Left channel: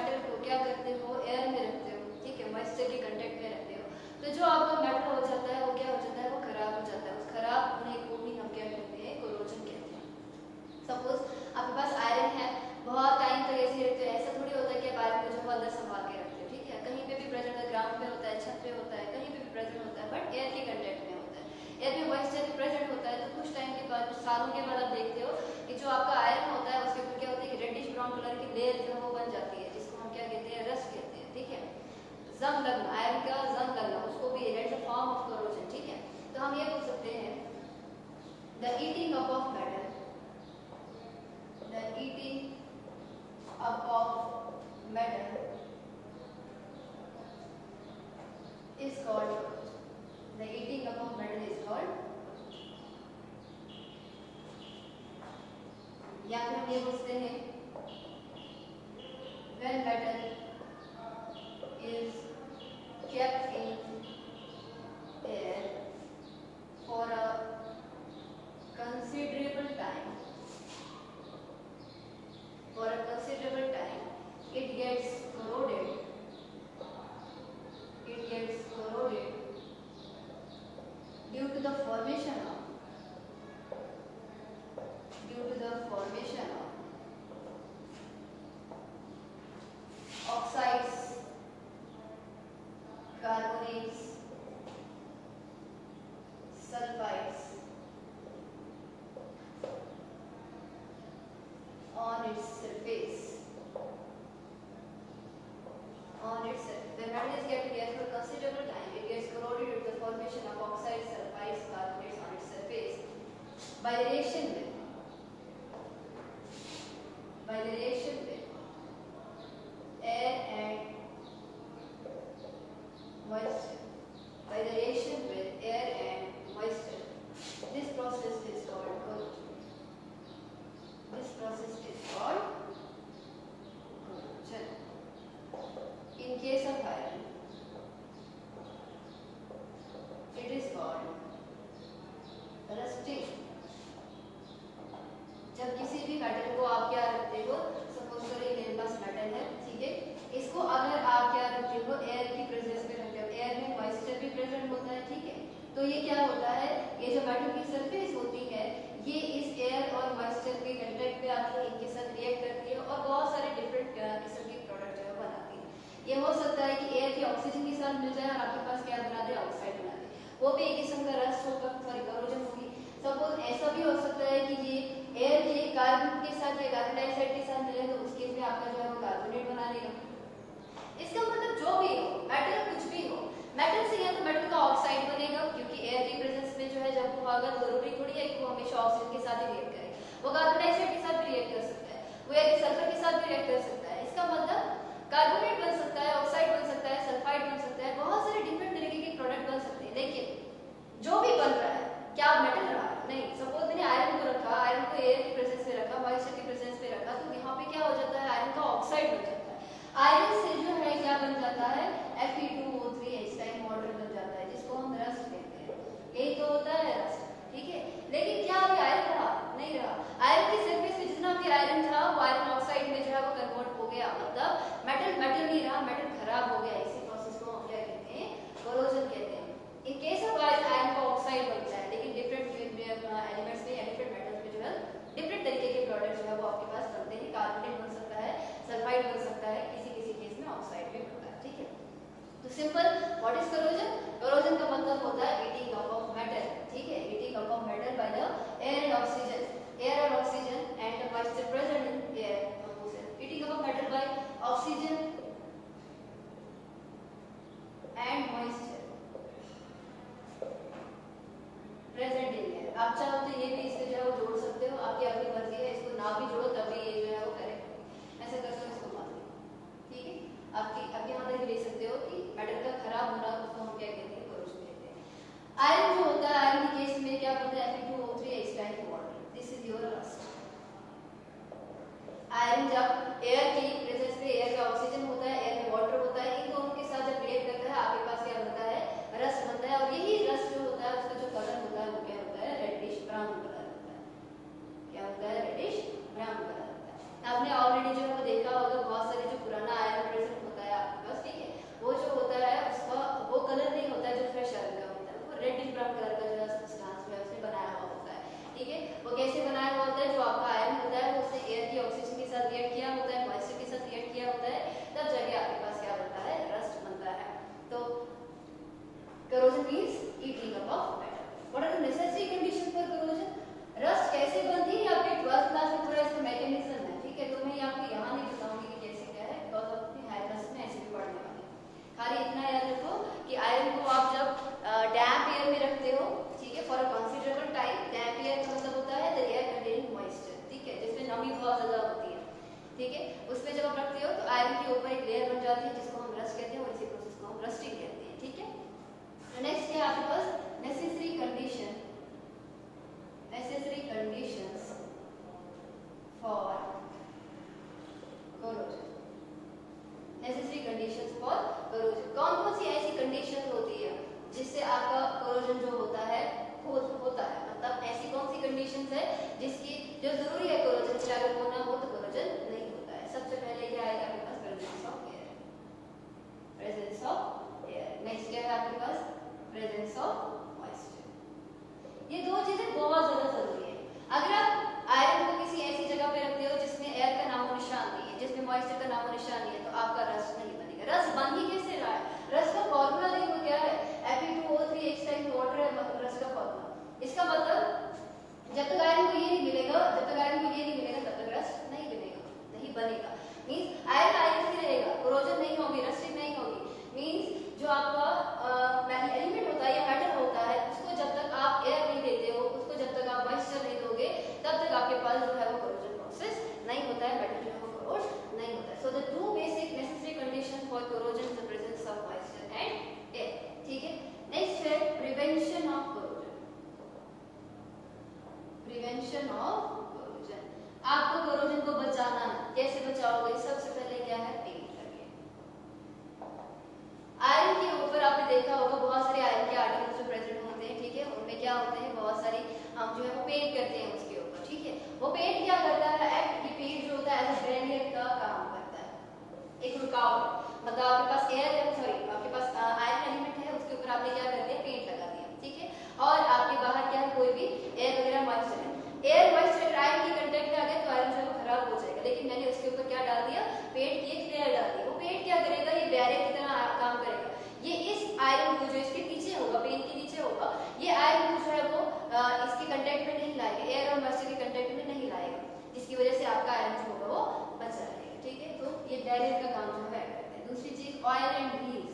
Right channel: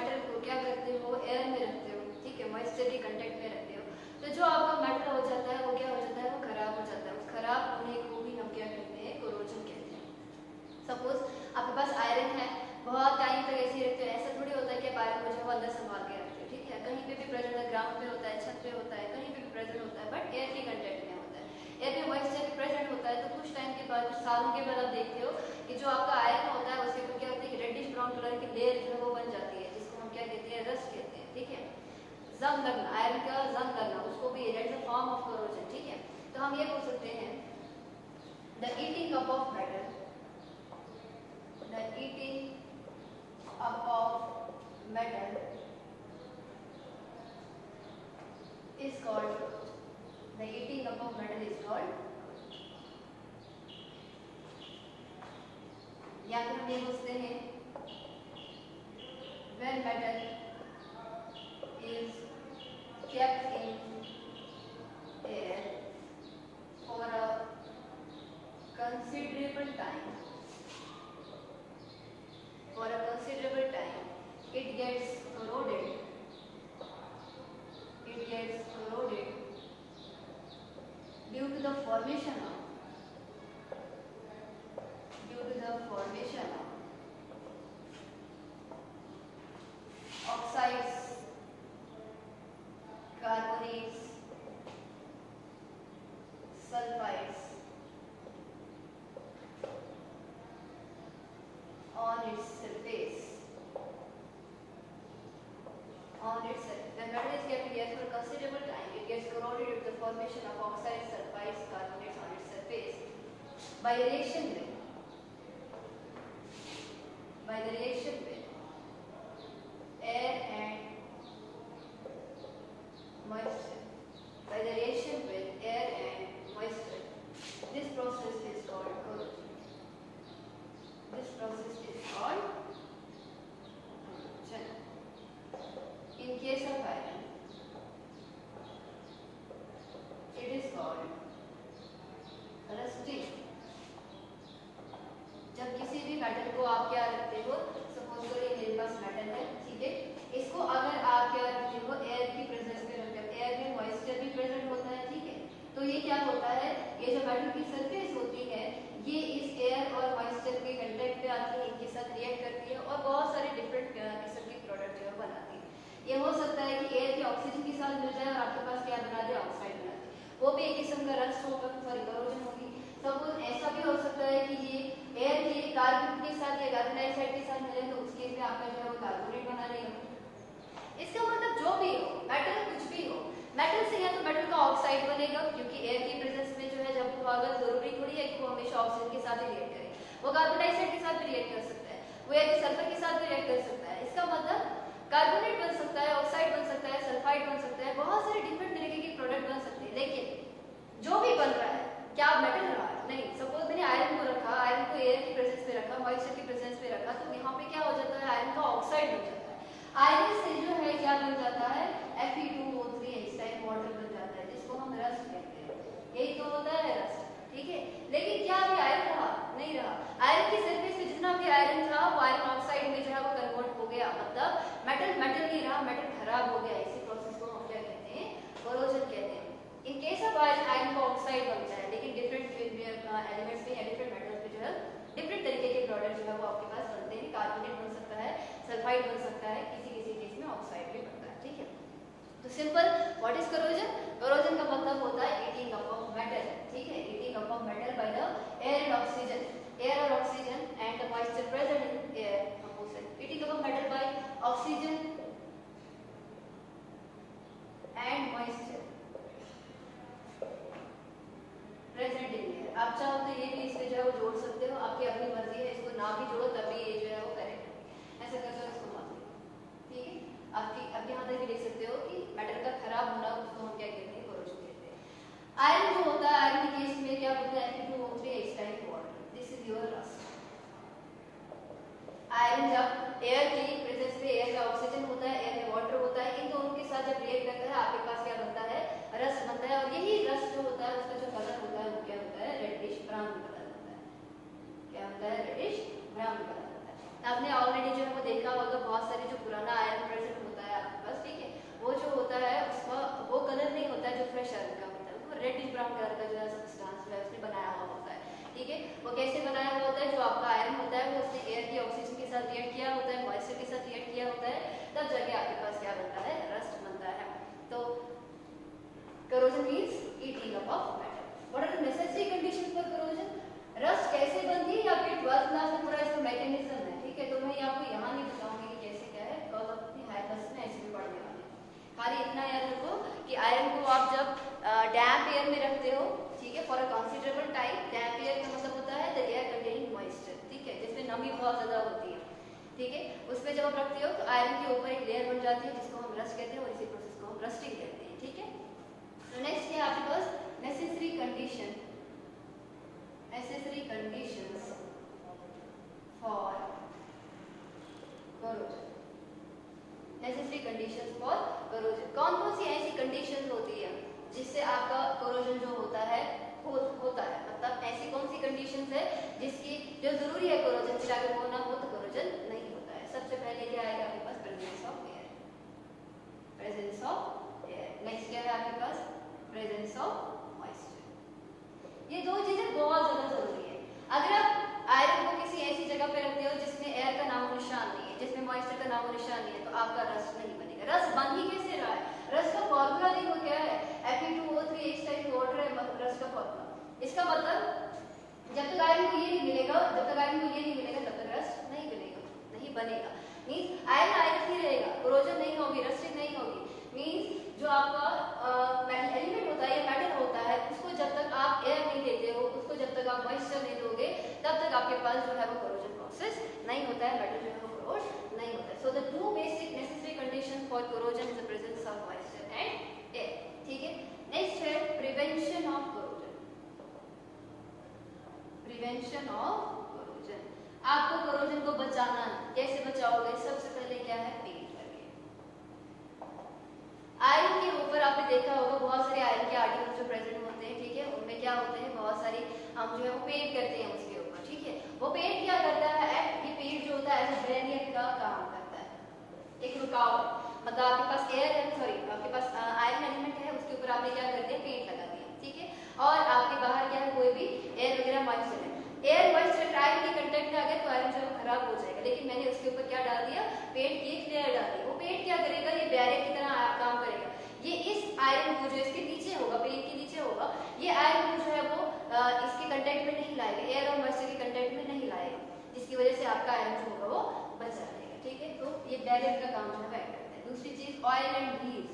Metal को क्या करते हो, एयर में रखते हो, ठीक है, मॉइस्चर के कंटेक्ट में रखते हो, तो जो आपका मेटल हो जाता है वो क्या हो जाता है, वो खराब हो जाता है। उस खराब होने को भी हम क्या कहते हैं, कोरोजन कहते हैं। सपोज आपके पास आयरन है, बहुत टाइम तक ऐसे ही रखते हो, ऐसा थोड़ी होता है कि आप आयरन को जो है अंदर संभाल के रखते हो, ठीक है, कहीं पे भी प्रेजेंट है, ग्राउंड पे होता है, छत पे होता है, कहीं पे भी प्रेजेंट होता है, बट एयर के कंटेक्ट में होता है। एयर में मॉइस्चर भी प्रेजेंट होता है, तो कुछ टाइम के बाद, कुछ सालों के बाद आप देखते हो कि जो आपका आयरन होता है उसके ऊपर क्या होता है कि रेडिश ब्राउन कलर की लेयर जो है वो बन जाती है, जिसको हम क्या कहते हैं, रस्ट कहते हैं, ठीक है। जंग लगना, आयरन का जंग लगना, उसको भी that is a form of corrosion, ठीक है। तो हम ये बोल सकते हैं the eating up of metal, the eating up of metal is called, the eating up of metal is called, या फिर हम ये बोलते हैं when metal is kept in air for a considerable time, it gets corroded, due to the formation of oxides, carbonates, sulfides on its surface. When metal is kept in air for a considerable time, it gets corroded due to the formation of oxides, sulfides, carbonates on its surface. By the reaction with air and moisture, this process is called corrosion. In case of iron, it is called rusting. जब किसी भी metal को आप क्या रखते हो, suppose करिए मेरे पास मेटल है, ठीक है, इसको अगर आप क्या रखते हो, एयर की प्रेजेंस में रखते हो, एयर में मॉइस्चर भी प्रेजेंट होता है, ठीक है, तो ये क्या होता है, ये जो मेटल की सरफेस होती है ये इस एयर और मॉइस्चर के कंटेक्ट पे आती है, इनके साथ रिएक्ट करती है और बहुत सारे डिफरेंट किस्म के प्रोडक्ट जो है बनाती है। ये हो सकता है कि एयर के ऑक्सीजन के साथ मिल जाए और आपके पास क्या बना दे, ऑक्साइड बना दे, वो भी एक किस्म का रस्ट होगा, सॉरी कोरोजन होगी। सपोज ऐसा भी हो सकता है कि ये एयर के कार्बन के साथ या कार्बन डाइऑक्साइड के साथ मिले, तो उस केस में आपका जो है वो कार्बोनेट बना देगा। इसका मतलब जो भी हो, मेटल कुछ भी हो, मेटल से या तो मेटल का ऑक्साइड बनेगा, क्योंकि एयर की प्रेजेंस में जो है जब वो होगा, जरूरी थोड़ी है कि वो हमेशा ऑक्सीजन के साथ ही रिएक्ट करे, वो कार्बन डाइऑक्साइड के साथ भी रिएक्ट कर सकता है, वो या सल्फर के साथ भी रिएक्ट कर सकता है। इसका मतलब कार्बोनेट बन सकता है, ऑक्साइड बन सकता है, सल्फाइड बन सकता है, बहुत सारे डिफरेंट तरीके के प्रोडक्ट बन सकते हैं। लेकिन जो भी बन रहा है, क्या मेटल रहा है? नहीं। सपोज मैंने आयरन को रखा, आयरन को एयर की प्रेजेंस में रखा, मॉइस्चर की प्रेजेंस में रखा, तो यहाँ पे क्या हो जाता है, आयरन का ऑक्साइड बन जाता है। आयरन से जो है क्या बन जाता है, Fe2O3 इस टाइम वाटर बन जाता है, जिसको हम रस्ट कहते हैं। यही तो होता है रस्ट, ठीक है। लेकिन क्या अभी आयरन रहा? नहीं रहा। आयरन की सरफेस पे जितना भी आयरन था वो आयरन ऑक्साइड में जो है वो कन्वर्ट हो गया, मतलब मेटल नहीं रहा, मेटल खराब हो गया। इसी प्रोसेस को हम क्या कहते हैं, कोरोजन कहते हैं। इन केस ऑफ आयरन का ऑक्साइड बनता है, लेकिन डिफरेंट एलिमेंट्स में या डिफरेंट मेटल्स में जो है डिफरेंट तरीके के प्रोडक्ट जो है वो आपके पास बनते हैं। कार्बोनेट बन सकता है, सल्फाइड बन सकता है, किसी केस में ऑक्साइड भी बनता है, ठीक है। तो simple, what is corrosion? Corrosion का मतलब होता है ईटिंग अप ऑफ मेटल, ठीक है, eating up of metal by the air and oxygen, air और oxygen and the moisture present in air, eating up of metal by oxygen and moisture present in air. आप चाहो तो ये भी इससे जो है वो जोड़ सकते हो, आपकी अपनी मर्जी है, इसको ना भी जोड़ो तभी ये जो है वो करेक्ट है, ऐसा करते हो, इसको मत लो, ठीक है। आपकी अब यहाँ तक ले सकते हो कि मेटल का खराब होना उसको हम क्या कहते हैं, कोरोजन कहते हैं। आयरन जो होता है, आयरन के केस में क्या बनता है, Fe2O3 H type water, this is your rust. Iron जब एयर की प्रेजेंस में, एयर का ऑक्सीजन होता है, एयर में वाटर होता है, इन दोनों के साथ जब रिएक्ट करता है आपके पास क्या बनता है, रस्ट बनता है। और यही रस्ट जो होता है उसका जो कलर होता है वो क्या होता है, रेडिश ब्राउन कलर होता है। क्या होता है, रेडिश ब्राउन कलर होता है। आपने ऑलरेडी जो है वो देखा होगा, बहुत सारे जो पुराना आयरन इलेक्ट्रॉन कलर का जो है सब्सटेंस जो है उसने बनाया हुआ होता है, ठीक है। वो कैसे बनाया हुआ होता है, जो आपका आयरन होता है वो उसने एयर की ऑक्सीजन के साथ रिएक्ट किया होता है, मॉइस्चर के साथ रिएक्ट किया होता है, तब जाके आपके पास क्या बनता है, रस्ट बनता है। तो corrosion means eating up of metal. What are the necessary conditions for corrosion? Rust कैसे बनती है आपके 12th क्लास में पूरा इसका मैकेनिज्म है, ठीक है। तो मैं आपको यहाँ नहीं बताऊंगी कि कैसे क्या है, बिकॉज अपने हाई क्लास में ऐसे भी पढ़ने वाले। खाली इतना याद रखो कि आयरन को आप जब डैम्प एयर में रखते हो, ठीक है, for a considerable time, damp air का मतलब होता है द एयर कंटेनिंग मॉइस्चर, ठीक है, जिसमें नमी बहुत ज्यादा होती है, ठीक है। उसमें जब आप रखते हो तो आयरन के ऊपर एक लेयर बन जाती है जिसको हम रस्ट कहते हैं, और इसी प्रोसेस को हम रस्टिंग कहते हैं, ठीक है। नेक्स्ट है आपके पास necessary condition, necessary conditions for corrosion, necessary conditions for corrosion। कौन कौन सी ऐसी कंडीशन होती है जिससे आपका corrosion जो होता है मतलब ऐसी कौन सी कंडीशंस है जिसकी जो जरूरी है corrosion से अगर वो ना हो तो corrosion नहीं होता है। सबसे पहले क्या आएगा आपके पास, presence of air, presence of air। Next क्या है आपके पास, presence of moisture। ये दो चीजें बहुत ज्यादा जरूरी है। अगर आप आयरन को किसी ऐसी जगह पे रखते हो जिसमें एयर का नामो निशान नहीं है, जिसमें मॉइस्चर का नामो निशान नहीं है, तो आपका रस्ट नहीं बनेगा। रस्ट बन ही कैसे रहा है, रस्ट का फॉर्मूला देखो क्या है, Fe2O3 X टाइम्स वाटर है रस्ट का फॉर्मूला। इसका मतलब जब तक आयरन को ये नहीं मिलेगा, तब तक रस्ट नहीं बनेगा। मींस आयरन ही रहेगा, कोरोजन नहीं होगी, रस्टिंग नहीं होगी। मींस जो आपका एलिमेंट होता है या मेटल होता है, उसको जब तक आप एयर नहीं देते हो, उसको जब तक आप मॉइस्चर नहीं दोगे, तब तक आपके पास जो है वो कोरोजन प्रोसेस नहीं होता है, मेटल जो है वो कोरोज नहीं होता है। So the two basic necessary condition for corrosion is the presence of moisture and air, ठीक है। नेक्स्ट है prevention of corrosion, prevention of corrosion. आपको कोरोजन को बचाना है, कैसे बचाओगे, सबसे पहले क्या है, आयरन के ऊपर आपने देखा होगा बहुत सारे आयरन के आर्टिकल्स जो प्रेजेंट होते हैं, ठीक है। उनमें क्या होते हैं, बहुत सारी हम जो है वो पेंट करते हैं उसके ऊपर, ठीक है। वो पेंट क्या करता है, ये पेंट जो होता है एज अ बैरियर का काम करता है, एक रुकावट। मतलब आपके पास आपके पास आयरन एलिमेंट है, उसके ऊपर आपने क्या कर दिया, पेंट लगा दिया, ठीक है। और आपके बाहर क्या है, कोई भी एयर वगैरह मॉइस्चर है, एयर मॉइस्चर आयरन की कंटेक्ट में आ गया तो आयरन जो है खराब हो जाएगा। लेकिन मैंने उसके ऊपर क्या डाल दिया, पेंट की एक लेयर डाल दी। वो पेंट क्या करेगा, ये बैरियर की तरह काम करेगा। ये इस आयरन को जो इसके नीचे होगा, पेंट के नीचे होगा, ये आयरन को जो है वो इसके कंटेक्ट में नहीं लाएगा, एयर और मॉइस्चर के कंटेक्ट में नहीं लाएगा, जिसकी वजह से आपका आयरन जो होगा वो बचा रहेगा, ठीक है। तो ये बैरियर का काम जो है करता है। दूसरी चीज oil and grease,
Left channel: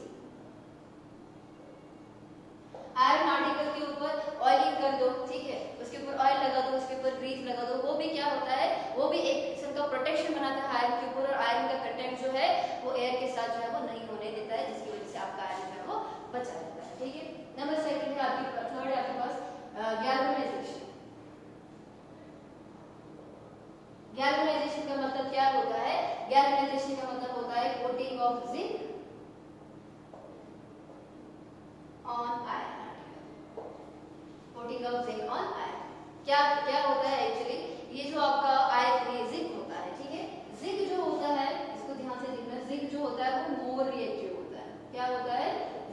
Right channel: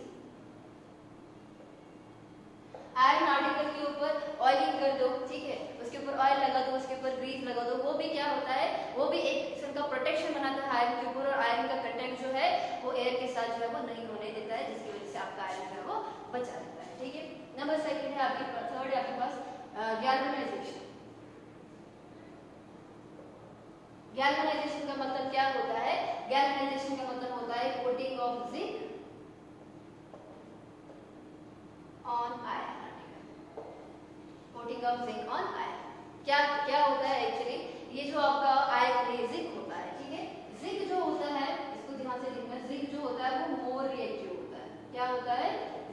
iron article के ऊपर ऑयलिंग कर दो, ठीक है, उसके ऊपर ऑयल लगा दो, उसके ऊपर ग्रीस लगा दो, वो भी क्या होता है, वो भी एक किस्म का प्रोटेक्शन बनाता है आयरन के ऊपर, और आयरन का कंटेक्ट जो है वो एयर के साथ जो है वो नहीं होने देता है, जिसकी वजह से आपका आयरन जो है वो बचा रहता है, ठीक है। नंबर सेकंड है आपके पास, थर्ड है आपके पास गैल्वेनाइजेशन। गैल्वेनाइजेशन का मतलब क्या होता है, गैल्वेनाइजेशन का मतलब होता है coating of zinc on iron, coating of zinc on iron. क्या होता है एक्चुअली, ये जो आपका आयरन जिंक होता है, ठीक है, जिंक जो होता है, इसको ध्यान से देखना, जिंक जो होता है वो मोर रिएक्टिव होता है। क्या होता है,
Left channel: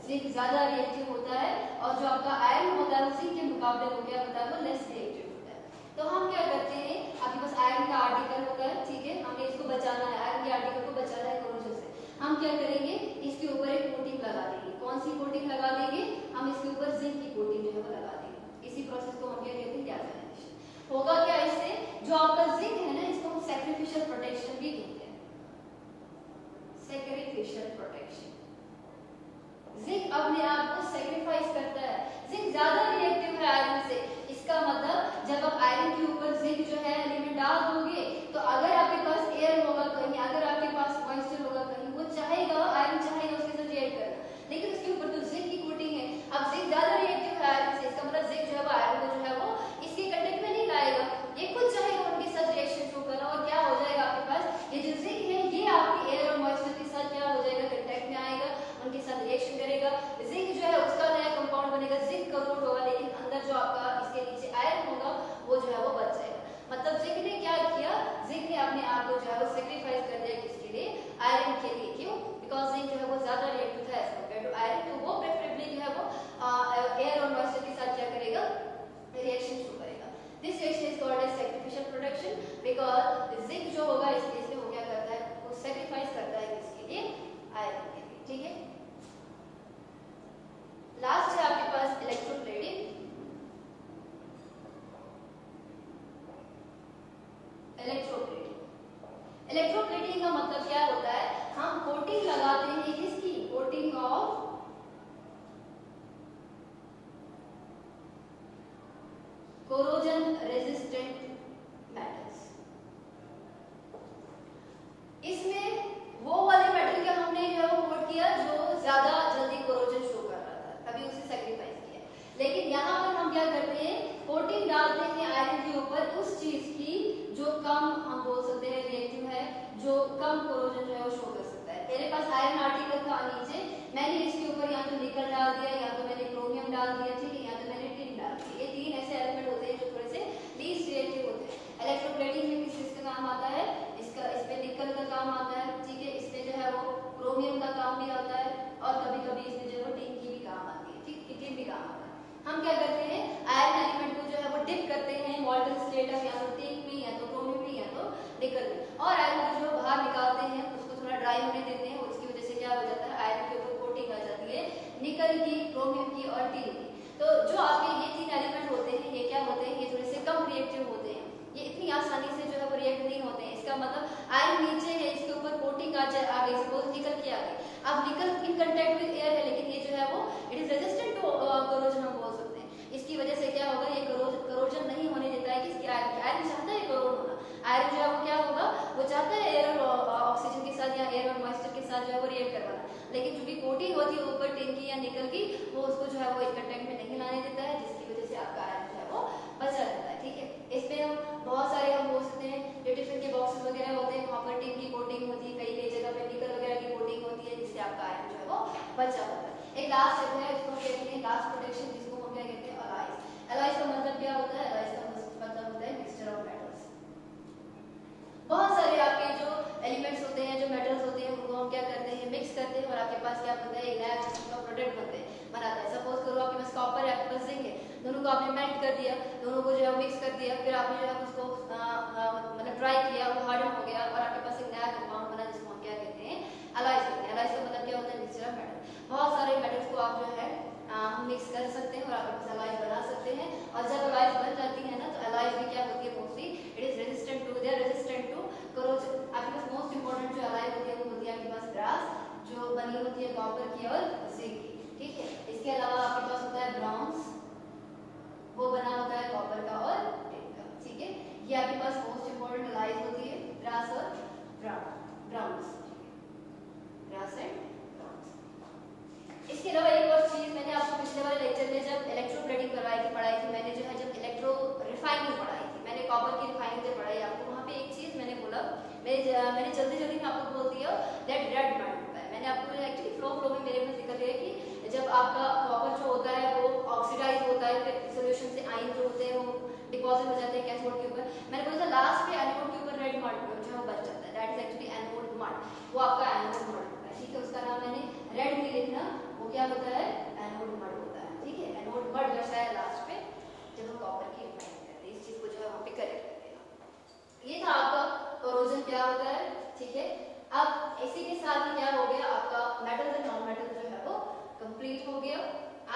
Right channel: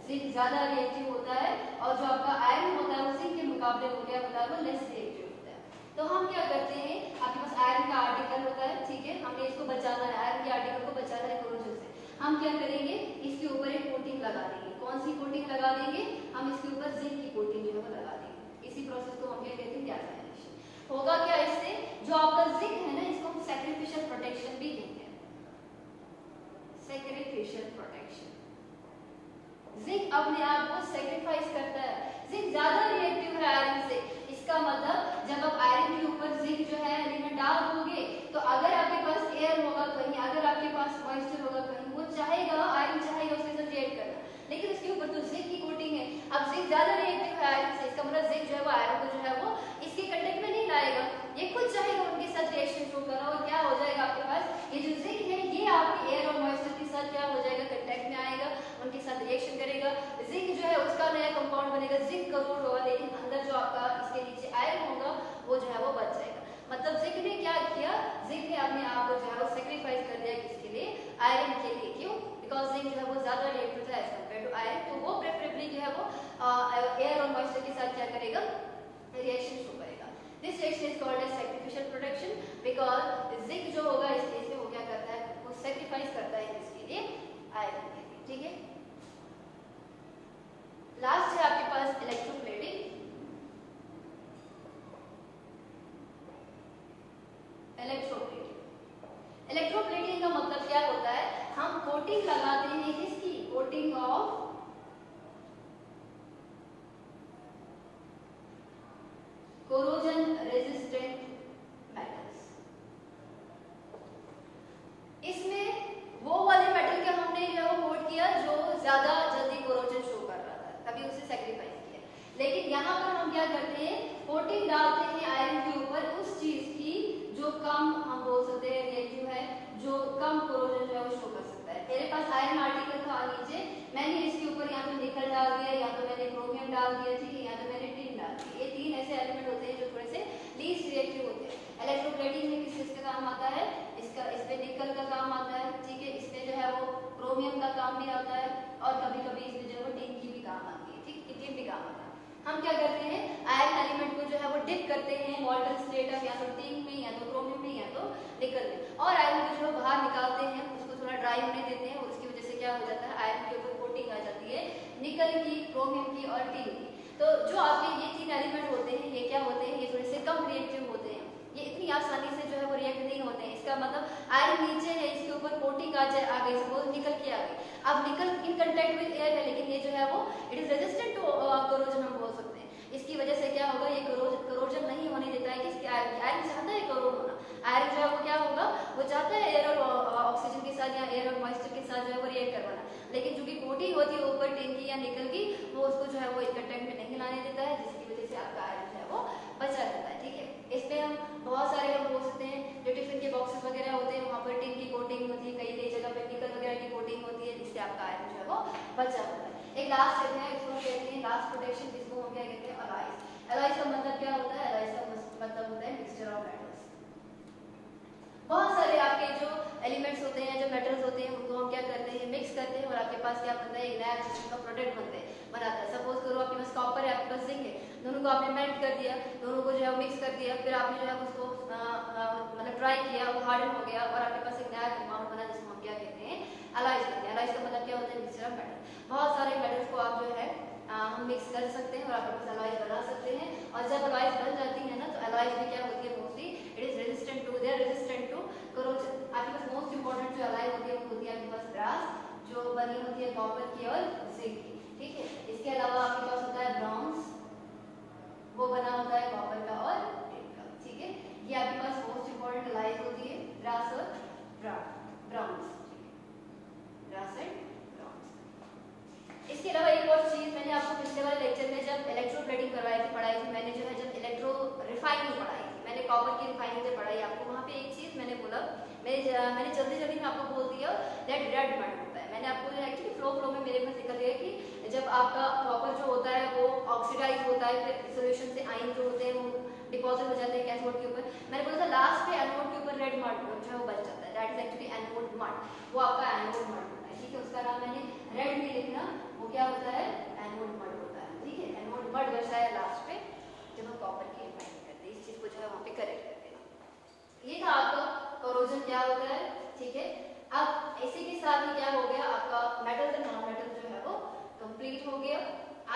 जिंक ज्यादा रिएक्टिव होता है, और जो आपका आयरन होता है वो जिंक के मुकाबले वो क्या होता है, वो लेस रिएक्टिव होता है। तो हम क्या करते हैं, आपके पास आयरन का आर्टिकल होता है, ठीक है, हमने इसको बचाना है, आयरन के आर्टिकल को बचाना है कोरोजन से। हम क्या करेंगे, इसके ऊपर एक कोटिंग लगा देंगे। कौन सी कोटिंग लगा देंगे, हम इसके ऊपर जिंक की कोटिंग जो है वो लगा देंगे। इसी प्रोसेस को हम क्या कहते हैं, गैल्वेनाइजेशन। होगा क्या इससे, जो आपका जिंक है ना, इसको हम सैक्रिफिशियल प्रोटेक्शन भी कहते हैं, सैक्रिफिशियल प्रोटेक्शन। जिंक अपने आप को सैक्रिफाइस करता है, जिंक ज्यादा रिएक्टिव है आयरन से। इसका मतलब जब आप आयरन के ऊपर जिंक जो है एलिमेंट डाल दोगे, तो अगर आपके पास एयर होगा कहीं, अगर आपके पास मॉइस्चर होगा कहीं, वो चाहेगा, आयरन चाहेगा उसके साथ रिएक्ट करना, लेकिन उसके ऊपर तो जिंक की कोटिंग है। अब जिंक ज्यादा रिएक्टिव है आयरन से, इसका मतलब जिंक जो है वो आयरन को जो है वो इसके कंटेक्ट में नहीं लाएगा, ये खुद चाहेगा उनके साथ रिएक्शन शो करना, और क्या हो जाएगा आपके पास, ये जो जिंक है ये आपके एयर और मॉइस्चर के साथ क्या हो जाएगा, कंटेक्ट में आएगा, उनके साथ रिएक्शन करेगा, जिंक जो है उसका नया कंपाउंड बनेगा, जिंक करोड होगा, लेकिन अंदर जो आपका इसके नीचे आयरन होगा वो जो है वो बच जाएगा। मतलब जिंक ने क्या किया, जिंक ने अपने आप को जो है वो सैक्रिफाइस कर दिया, किसके लिए, आयरन के लिए। क्यों, बिकॉज जिंक जो है वो ज्यादा रिएक्टिव है एज कम्पेयर टू आयरन, तो वो प्रेफरेबली जो है वो एयर और मॉइस्चर के साथ बिकॉज जिंक जो होगा इस केस में वो क्या करता है, वो सेक्रीफाइस करता है इसके लिए आयरन के लिए, ठीक है। लास्ट है आपके पास इलेक्ट्रोप्लेटिंग। इलेक्ट्रोप्लेटिंग का मतलब क्या होता है, हम कोटिंग लगाते हैं किसकी, coating of corrosion resistant metals. इसमें वो वाले मेटल के हमने जो है वो कोट किया जो ज्यादा जल्दी कोरोजन शो कर रहा था, तभी उसे सेक्रीफाइस किया। लेकिन यहाँ पर हम क्या करते हैं, कोटिंग डालते हैं आयरन के ऊपर उस चीज की जो कम, हम बोल सकते हैं रिएक्टिव है, जो कम कोरोजन जो है वो शो कर सकता है। मेरे पास आयरन आर्टिकल था नीचे, मैंने इसके ऊपर या तो निकल डाल दिया, या तो मैंने क्रोमियम डाल दिया, ठीक है, या तो मैंने टिन डाल दिया। ये तीन ऐसे एलिमेंट होते हैं जो थोड़े से लीस्ट रिएक्टिव होते हैं। इलेक्ट्रोप्लेटिंग में किस चीज का काम आता है, इसका इस पे निकल का काम आता है, ठीक है, इसमें जो है वो क्रोमियम का काम भी आता है, और कभी कभी इसमें जो है वो टिन की भी काम आती है, ठीक, टिन भी काम आता है। हम क्या करते हैं, आयरन एलिमेंट को जो है वो डिप करते हैं मॉल्टन स्टेट में, या तो टिन में, या तो क्रोमियम में, या तो निकल में, और आयरन को जो बाहर निकालते हैं, उसको थोड़ा ड्राई होने देते हैं, और उसकी वजह से क्या हो जाता है, आयरन के ऊपर कोटिंग आ जाती है निकल की, क्रोमियम की और टिन की। तो जो आपके ये तीन एलिमेंट होते हैं, ये क्या होते हैं, ये थोड़े से कम रिएक्टिव होते हैं, ये इतनी आसानी से जो है वो रिएक्ट नहीं होते हैं। इसका मतलब आयरन नीचे है, इसके ऊपर कोटिंग आ गई, सपोज निकल के आ गई, अब निकल इन कांटेक्ट विद एयर है, लेकिन ये जो है वो it is resistant to corrosion, हम बोल सकते हैं। इसकी वजह से क्या होगा, ये कोरोजन नहीं होने देता है किसकी, आयरन की। आयरन चाहता है कोरोड होना, आयरन जो है वो क्या होगा, वो चाहता है एयर और ऑक्सीजन के साथ या एयर और मॉइस्चर के साथ जो है वो रिएक्ट करवाना, लेकिन चूंकि कोटिंग होती है ऊपर टिन की या निकल की, वो उसको जो है वो इन कांटेक्ट में नहीं लाने देता है, जिसकी वजह से आपका आयरन जो है वो बचा रहता है, ठीक है। इस पे हम बहुत सारे हम बोल सकते हैं, जो टिफिन के बॉक्सेस वगैरह होते हैं, वहाँ पर टिन की कोटिंग होती है, कई कई जगह पे निकल वगैरह की कोटिंग होती है, जिससे आपका आयरन जो है वो बचा होता है। एक लास्ट स्टेप है, इसको कहते हैं लास्ट प्रोटेक्शन, जिसको हम क्या कहते हैं, अलॉयज। अलॉयज का मतलब क्या होता है, अलॉयज का मतलब होता है मिक्सचर ऑफ मेटल्स। बहुत सारे आपके जो एलिमेंट्स होते हैं, जो मेटल्स होते हैं, उनको हम क्या करते हैं, मिक्स करते हैं, और आपके पास क्या बनता है, एक नया किस्म का प्रोडक्ट बनाता है। सपोज करो आपके पास कॉपर है, आपके पास जिंक है, दोनों को आपने मेल्ट कर दिया, दोनों को जो है मिक्स कर दिया, फिर आपने जो है उसको मतलब ड्राई किया, वो हार्डन हो गया, और आपके पास एक नया कंपाउंड बना, जिसको हम क्या कहते हैं, अलॉयज कहते हैं। अलॉयज का मतलब क्या होता है, मिक्सचर ऑफ मेटल। बहुत सारे मेटल्स को आप जो है हम मिक्स कर सकते हैं, और आपके पास अलॉयज बना सकते हैं। और जब अलॉयज बन जाती है ना, तो अलॉयज भी क्या होती है, mostly it is resistant to, they are resistant to corrosion. आपके पास मोस्ट इंपोर्टेंट जो अलॉय होती है वो होती है आपके पास ब्रास, जो बनी होती है कॉपर की और जिंक की, ठीक है। इसके अलावा आपके पास होता है ब्रॉन्ज, वो बना होता है कॉपर का और टिन का, ठीक है। ये आपके पास मोस्ट इंपोर्टेंट अलॉयज होती है, ब्रास और ब्रॉन्ज, ठीक है, ब्रास एंड ब्रॉन्ज। इसके अलावा एक और चीज मैंने आपको पिछले वाले लेक्चर में जब इलेक्ट्रोप्लेटिंग पढ़ाई थी, मैंने जो है जब इलेक्ट्रो रिफाइनिंग पढ़ाई थी, मैंने कॉपर की रिफाइनिंग जब पढ़ाई आपको, वहाँ पे एक चीज मैंने बोला, मैंने जल्दी जल्दी में आपको बोल दिया दैट रेड मड होता है। मैंने आपको एक्चुअली फ्लो में मेरे में दिक्कत है कि जब आपका कॉपर जो होता है वो ऑक्सीडाइज होता है, फिर सॉल्यूशन से आयन जो होते हैं वो डिपॉजिट हो जाते हैं कैथोड के ऊपर। मैंने बोला था लास्ट पे एनोड के ऊपर रेड मड जो है वो बच जाता है, that is actually anode mud, वो आपका एनोड मड होता है, ठीक है। उसका नाम मैंने रेड नहीं लिखना, वो क्या होता है, एनोड मड होता है, ठीक है। एनोड मड बचता है लास्ट पे जब हम कॉपर की रिफाइनिंग करते हैं, इस चीज को जो है वहाँ पे करेक्ट करते हैं। ये था आपका कोरोजन क्या होता है, ठीक है। अब इसी के साथ ही क्या हो गया, आपका मेटल और नॉन मेटल जो है वो कंप्लीट हो गया।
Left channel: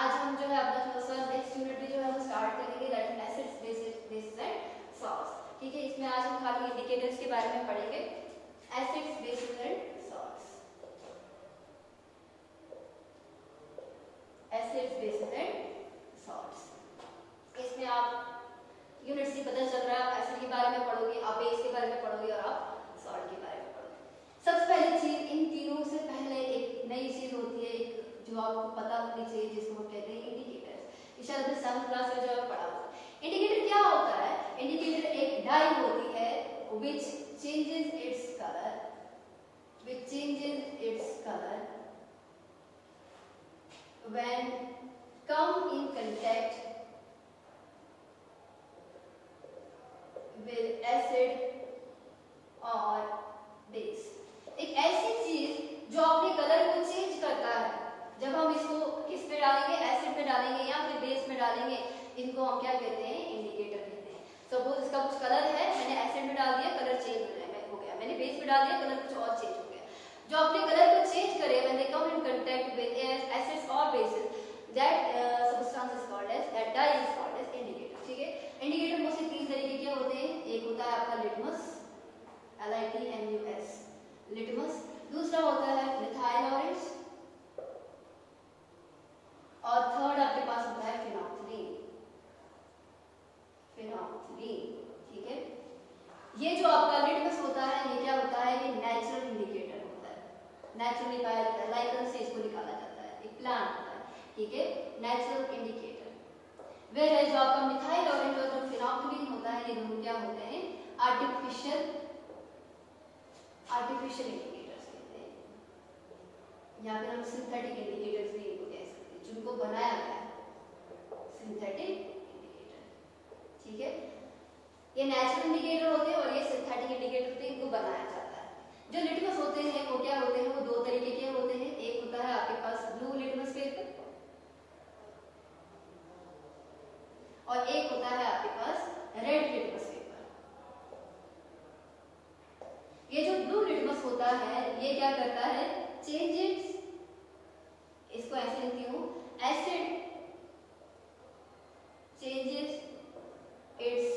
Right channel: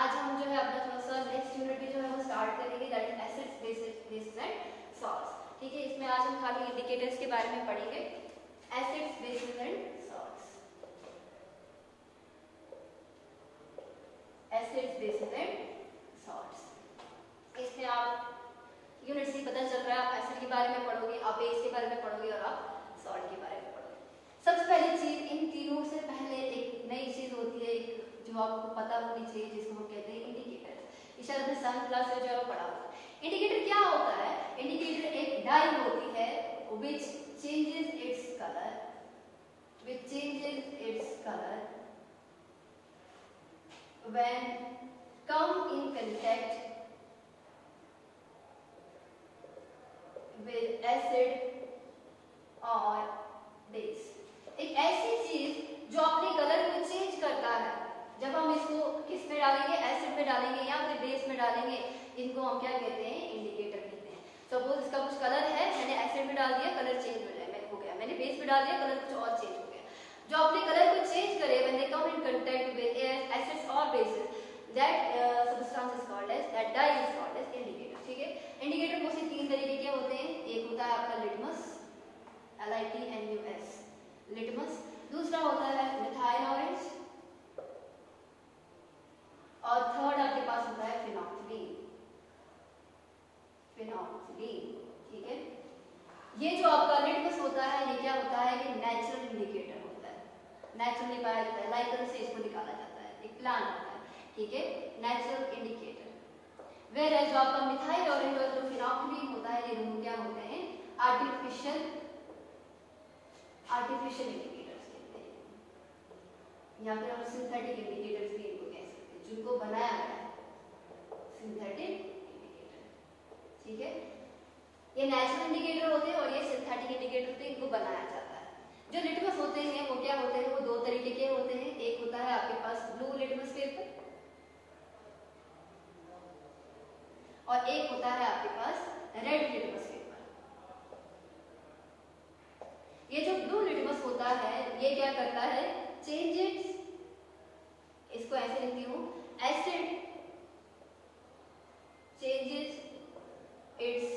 आज हम जो है अपना थोड़ा सा नेक्स्ट यूनिट भी जो है वो स्टार्ट करेंगे, that is acids, basis and salts, ठीक है। इसमें आज हम खाली इंडिकेटर्स के बारे में पढ़ेंगे, acids, basis and salts, acids, basis and salts. इसमें आप यूनिट से पता चल रहा है, आप एसिड के बारे में पढ़ोगे, आप बेस के बारे में पढ़ोगे, और आप सॉल्ट के बारे में पढ़ोगे। सबसे पहली चीज, इन तीनों से पहले एक नई चीज होती है जो आपको पता होनी चाहिए, जिसको हम कहते हैं इंडिकेटर। शायद अपने 7th क्लास में जो है पढ़ा होगा। इंडिकेटर क्या होता है, इंडिकेटर एक डाई होती है which changes its color, when come in contact with acid or base। एक ऐसी चीज जो अपने कलर को चेंज करता है, जब हम इसको किस में डालेंगे, एसिड में डालेंगे या फिर बेस में डालेंगे, इनको हम क्या कहते हैं, इंडिकेटर कहते हैं। सपोज इसका कुछ कलर है, मैंने एसिड में डाल दिया, कलर चेंज हो गया, मैंने बेस में डाल दिया, कलर कुछ और चेंज हो गया। जो अपने कलर को चेंज करे when they come in contact with acids or bases, that substance is called as, that dye is called as indicator। ठीक है, इंडिकेटर मोस्टली 3 तरीके के होते हैं। एक होता है आपका लिटमस, LITMUS, लिटमस। दूसरा होता है मिथाइल ऑरेंज, और थर्ड आपके पास होता है फिनोक्सिलीन। ठीक है, ये जो आपका लिटमस होता है, ये क्या होता है, ये नेचुरल इंडिकेटर होता है, नेचुरली पाया जाता है, लाइकन से इसको निकाला जाता है, एक प्लांट होता है। ठीक है, नेचुरल इंडिकेटर। वेयर जो आपका मिथाइल ऑरेंज और जो फिनोक्सिलीन होता है, ये दोनों क्या होते हैं, आर्टिफिशियल इंडिकेटर्स कहते हैं, या फिर हम सिंथेटिक इंडिकेटर्स भी इनको कह सकते हैं, जिनको बनाया गया है, सिंथेटिक इंडिकेटर। ठीक है, ये नेचुरल इंडिकेटर होते हैं और ये सिंथेटिक इंडिकेटर होते हैं, इनको बनाया जाता है। जो लिटमस होते हैं वो क्या होते हैं, वो 2 तरीके के होते हैं। एक होता है आपके पास ब्लू लिटमस पेपर, और एक होता है आपके पास रेड लिटमस पेपर। ये जो ब्लू लिटमस होता है, ये क्या करता है, चेंजेस, इसको ऐसे लिखती हूँ, acid changes its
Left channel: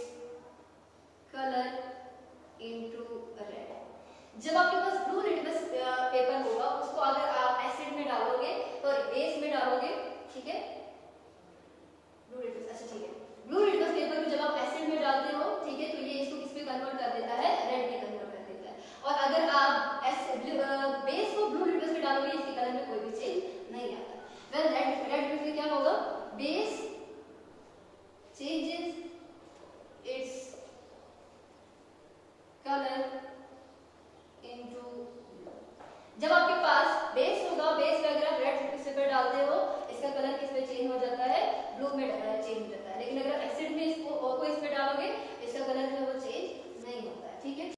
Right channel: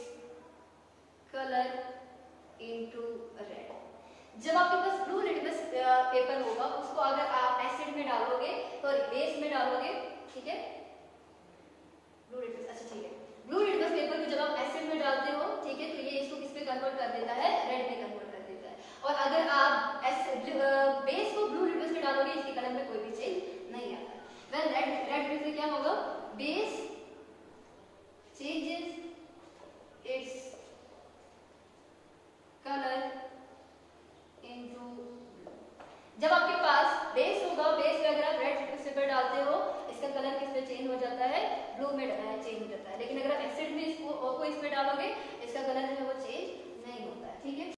colour into red. जब आपके पास ब्लू लिटमस पेपर होगा, उसको अगर आप एसिड में डालोगे तो बेस में डालोगे, ठीक है, ब्लू लिटमस, अच्छा ठीक है, ब्लू लिटमस पेपर को जब आप एसिड में डालते हो, ठीक है, तो ये इसको किस पे कन्वर्ट कर देता है, रेड में कन्वर्ट कर देता है। और अगर आप बेस को ब्लू लिटमस में डालोगे, इसके कलर में कोई भी चेंज नहीं आता। रेड में क्या होगा, base changes its color into, जब आपके पास बेस होगा, बेस में अगर आप रेड पेपर डालते हो, इसका कलर किस में चेंज हो जाता है, ब्लू में चेंज हो जाता है। लेकिन अगर एसिड में इसको इसमें डालोगे, इसका कलर जो है वो चेंज नहीं होता है। ठीक है।